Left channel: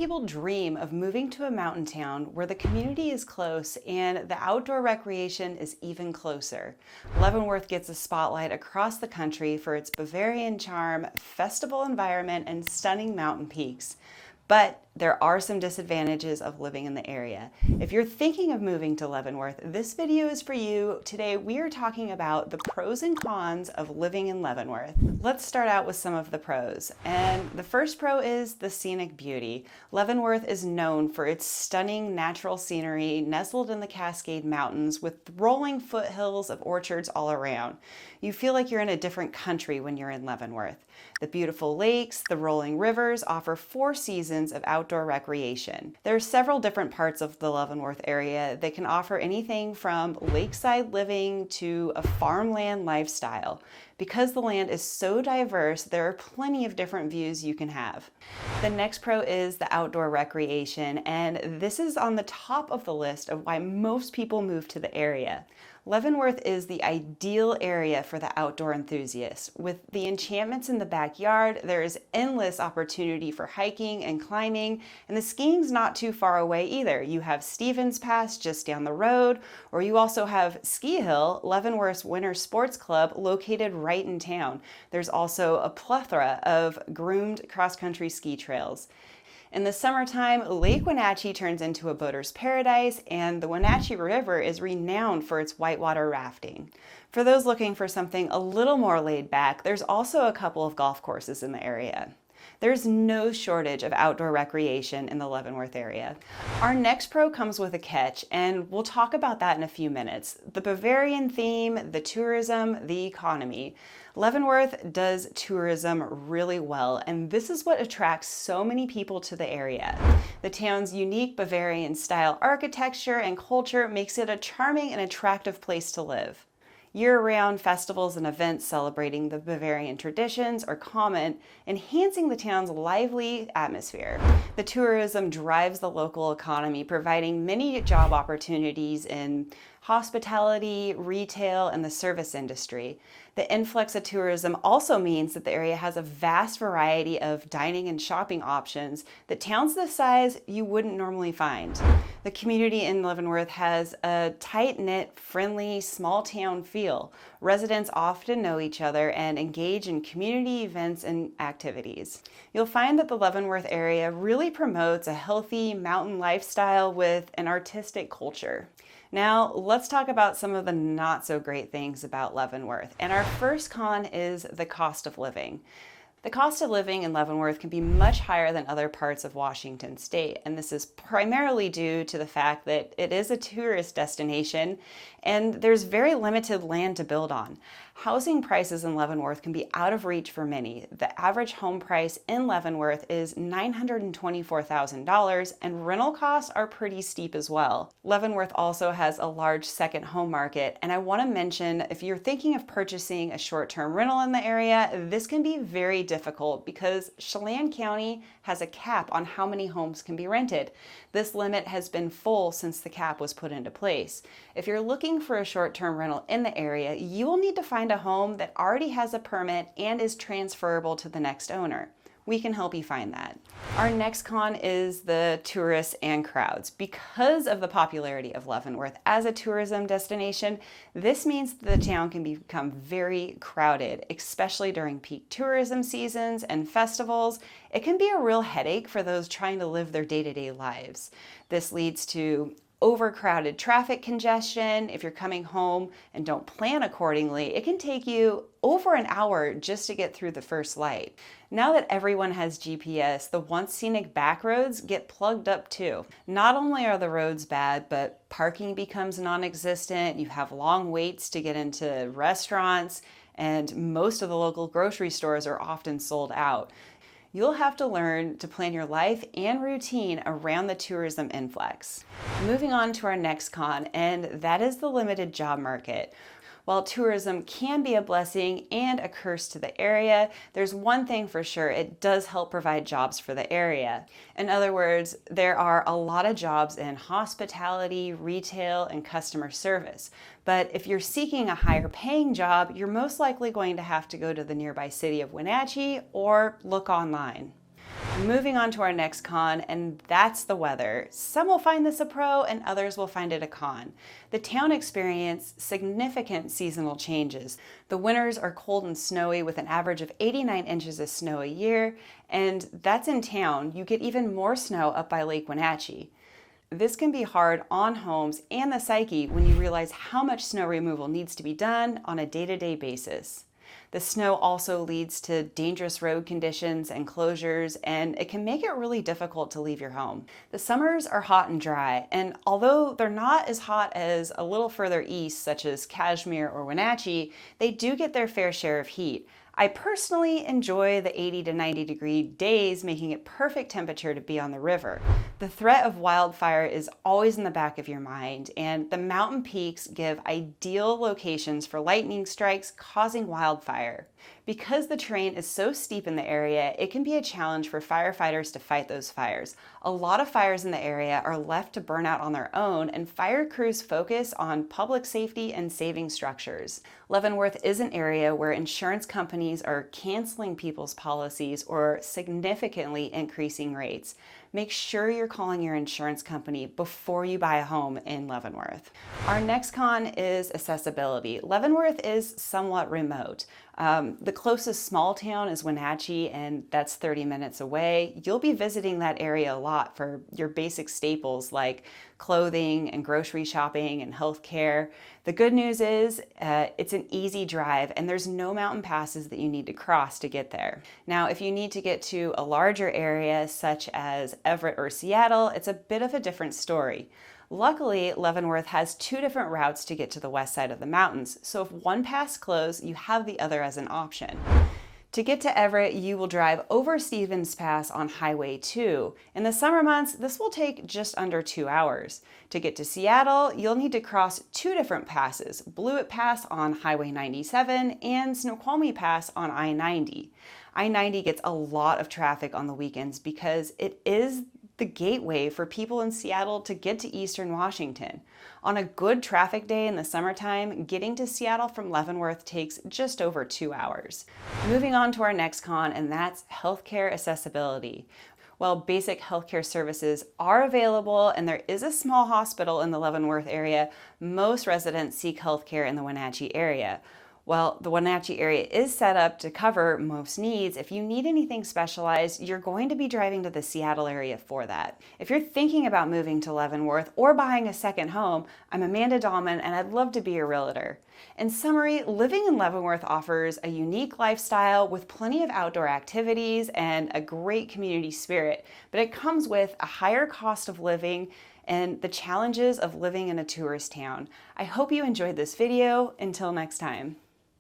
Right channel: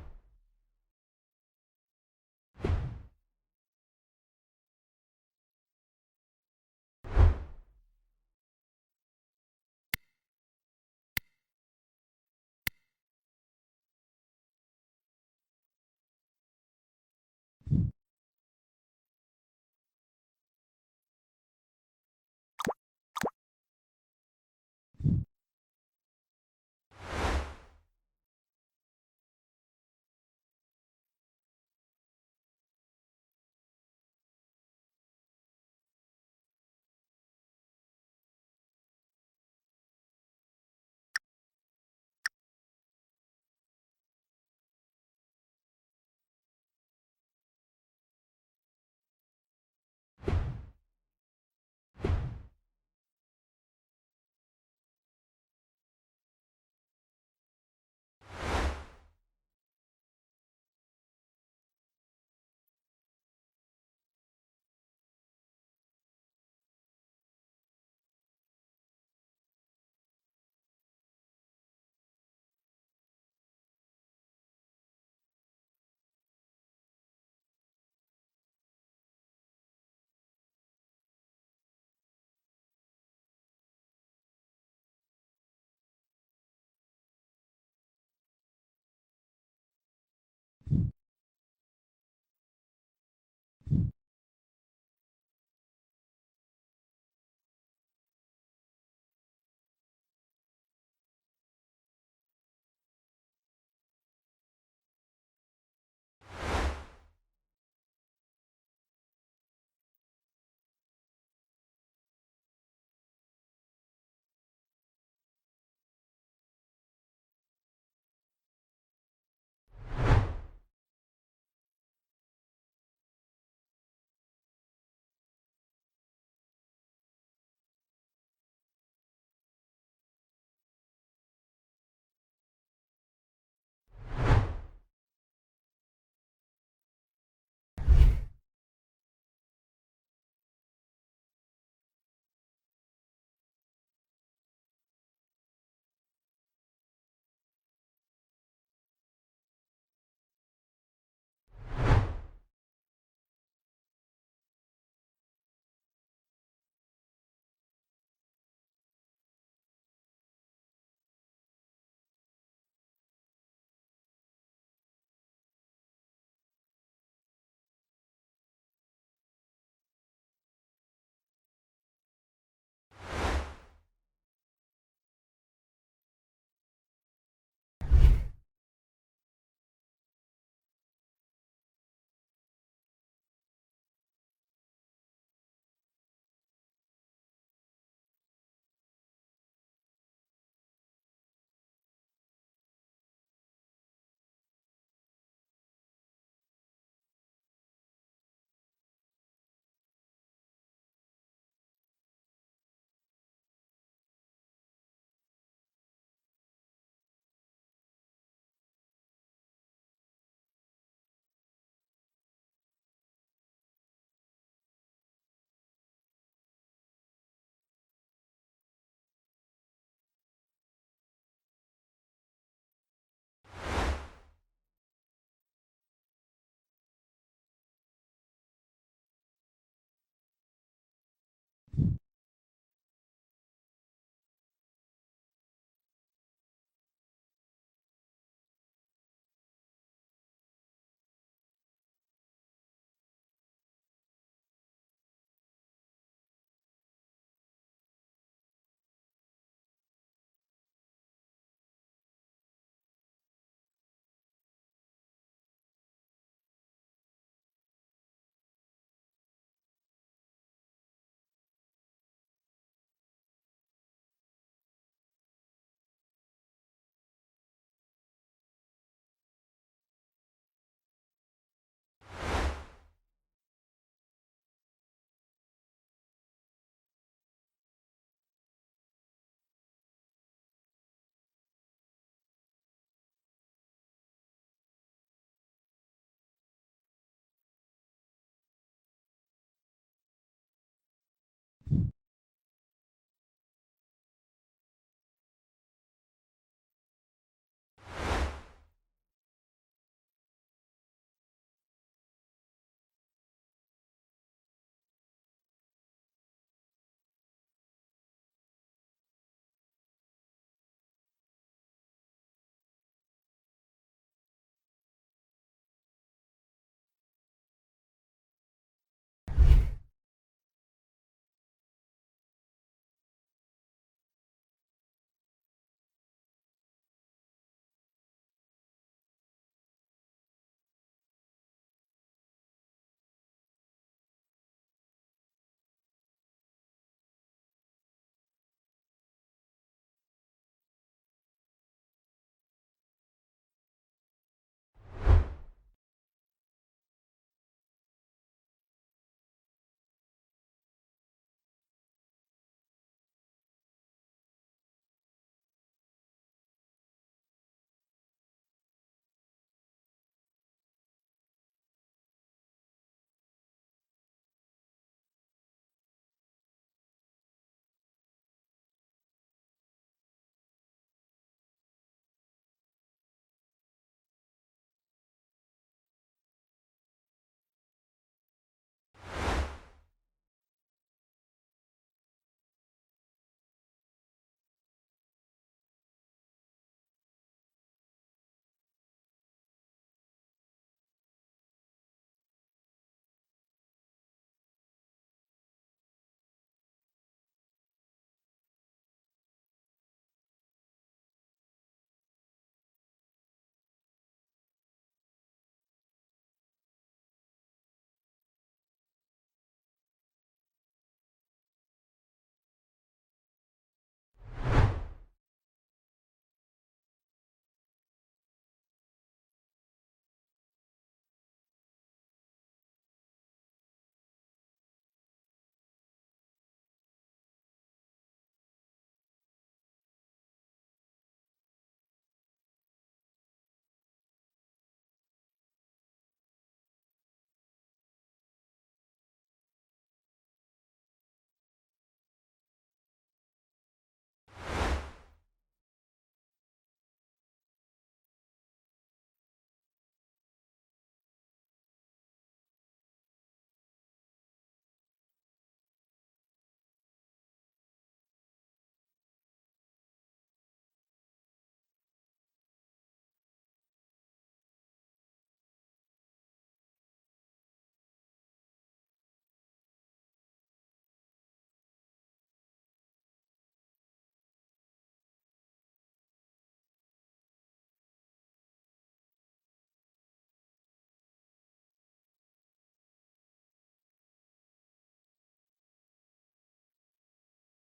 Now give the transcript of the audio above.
people dream of moving to a mountain town where the community is close and the outdoor recreation is even closer. Leavenworth gets a spotlight across the country for its Bavarian charm, festival environment, and stunning mountain peaks. But there are some disadvantages of living in the area. If you're thinking of moving to Leavenworth, this video is for you. Today we are talking about the pros and cons of living in Leavenworth. Let's start out with some of the pros. And the first pro is the scenic beauty. Leavenworth is known for its stunning natural scenery nestled in the Cascade Mountains with rolling foothills of orchards all around. You feel like you're in a different country when you're in Leavenworth. The beautiful lakes, the rolling rivers offer 4 seasons of outdoor recreation. There are several different parts of the Leavenworth area that can offer anything from lakeside living to a farmland lifestyle. Because the land is so diverse, there are plenty of different views you can have. The next pro is the outdoor recreation, and this is on the top of the list of why most people move to the area. Leavenworth is the ideal area for the outdoor enthusiast. With the enchantments in the backyard, there is endless opportunity for hiking and climbing, and the skiing's not too far away either. You have Stevens Pass just down the road, or you also have Ski Hill, Leavenworth's winter sports club, located right in town. There's also a plethora of groomed cross-country ski trails. In the summertime, Lake Wenatchee turns into a boater's paradise, and the Wenatchee River is renowned for its whitewater rafting. For those looking for something a little more laid back, there's also a couple of golf courses in the area. There's no shortage of outdoor recreation in the Leavenworth area. Our next pro comes with a catch, and we'll talk about that in a few minutes. The Bavarian theme, the tourism, the economy. Leavenworth does tourism really well, and this is what attracts so many people to the area. The town's unique Bavarian style architecture and culture makes it a charming and attractive place to live. Year-round festivals and events celebrating the Bavarian traditions are common, enhancing the town's lively atmosphere. The tourism drives the local economy, providing many job opportunities in hospitality, retail, and the service industry. The influx of tourism also means that the area has a vast variety of dining and shopping options that towns this size you wouldn't normally find. The community in Leavenworth has a tight-knit, friendly, small-town feel. Residents often know each other and engage in community events and activities. You'll find that the Leavenworth area really promotes a healthy mountain lifestyle with an artistic culture. Now, let's talk about some of the not so great things about Leavenworth. And our first con is the cost of living. The cost of living in Leavenworth can be much higher than other parts of Washington state, and this is primarily due to the fact that it is a tourist destination and there's very limited land to build on. Housing prices in Leavenworth can be out of reach for many. The average home price in Leavenworth is $924,000, and rental costs are pretty steep as well. Leavenworth also has a large second home market, and I want to mention, if you're thinking of purchasing a short-term rental in the area, this can be very difficult because Chelan County has a cap on how many homes can be rented. This limit has been full since the cap was put into place. If you're looking for a short-term rental in the area, you will need to find a home that already has a permit and is transferable to the next owner. We can help you find that. Our next con is the tourists and crowds. Because of the popularity of Leavenworth as a tourism destination, this means that the town can become very crowded, especially during peak tourism seasons and festivals. It can be a real headache for those trying to live their day-to-day lives. This leads to overcrowded traffic congestion. If you're coming home and don't plan accordingly, it can take you over an hour just to get through the first light. Now that everyone has GPS, the once scenic back roads get plugged up too. Not only are the roads bad, but parking becomes non-existent. You have long waits to get into restaurants, and most of the local grocery stores are often sold out. You'll have to learn to plan your life and routine around the tourism influx. Moving on to our next con, and that is the limited job market. While tourism can be a blessing and a curse to the area, there's one thing for sure: it does help provide jobs for the area. In other words, there are a lot of jobs in hospitality, retail, and customer service. But if you're seeking a higher paying job, you're most likely going to have to go to the nearby city of Wenatchee or look online. Moving on to our next con, and that's the weather. Some will find this a pro and others will find it a con. The town experienced significant seasonal changes. The winters are cold and snowy with an average of 89 inches of snow a year, and that's in town. You get even more snow up by Lake Wenatchee. This can be hard on homes and the psyche when you realize how much snow removal needs to be done on a day-to-day basis. The snow also leads to dangerous road conditions and closures, and it can make it really difficult to leave your home. The summers are hot and dry, and although they're not as hot as a little further east, such as Kashmir or Wenatchee, they do get their fair share of heat. I personally enjoy the 80 to 90 degree days, making it perfect temperature to be on the river. The threat of wildfire is always in the back of your mind, and the mountain peaks give ideal locations for lightning strikes causing wildfire. Because the terrain is so steep in the area, it can be a challenge for firefighters to fight those fires. A lot of fires in the area are left to burn out on their own, and fire crews focus on public safety and saving structures. Leavenworth is an area where insurance companies are canceling people's policies or significantly increasing rates. Make sure you're calling your insurance company before you buy a home in Leavenworth. Our next con is accessibility. Leavenworth is somewhat remote. The closest small town is Wenatchee, and that's 30 minutes away. You'll be visiting that area a lot for your basic staples like clothing and grocery shopping and healthcare. The good news is it's an easy drive and there's no mountain passes that you need to cross to get there. Now, if you need to get to a larger area such as Everett or Seattle, it's a bit of a different story. Luckily, Leavenworth has two different routes to get to the west side of the mountains, so if one pass closed, you have the other as an option. To get to Everett, you will drive over Stevens Pass on Highway 2. In the summer months, this will take just under 2 hours. To get to Seattle, you'll need to cross two different passes, Blewett Pass on Highway 97 and Snoqualmie Pass on I-90. I-90 gets a lot of traffic on the weekends because it is the gateway for people in Seattle to get to Eastern Washington. On a good traffic day in the summertime, getting to Seattle from Leavenworth takes just over 2 hours. Moving on to our next con, and that's healthcare accessibility. While basic healthcare services are available and there is a small hospital in the Leavenworth area, most residents seek healthcare in the Wenatchee area. Well, the Wenatchee area is set up to cover most needs. If you need anything specialized, you're going to be driving to the Seattle area for that. If you're thinking about moving to Leavenworth or buying a second home, I'm Amanda Dallman and I'd love to be your realtor. In summary, living in Leavenworth offers a unique lifestyle with plenty of outdoor activities and a great community spirit, but it comes with a higher cost of living and the challenges of living in a tourist town. I hope you enjoyed this video. Until next time.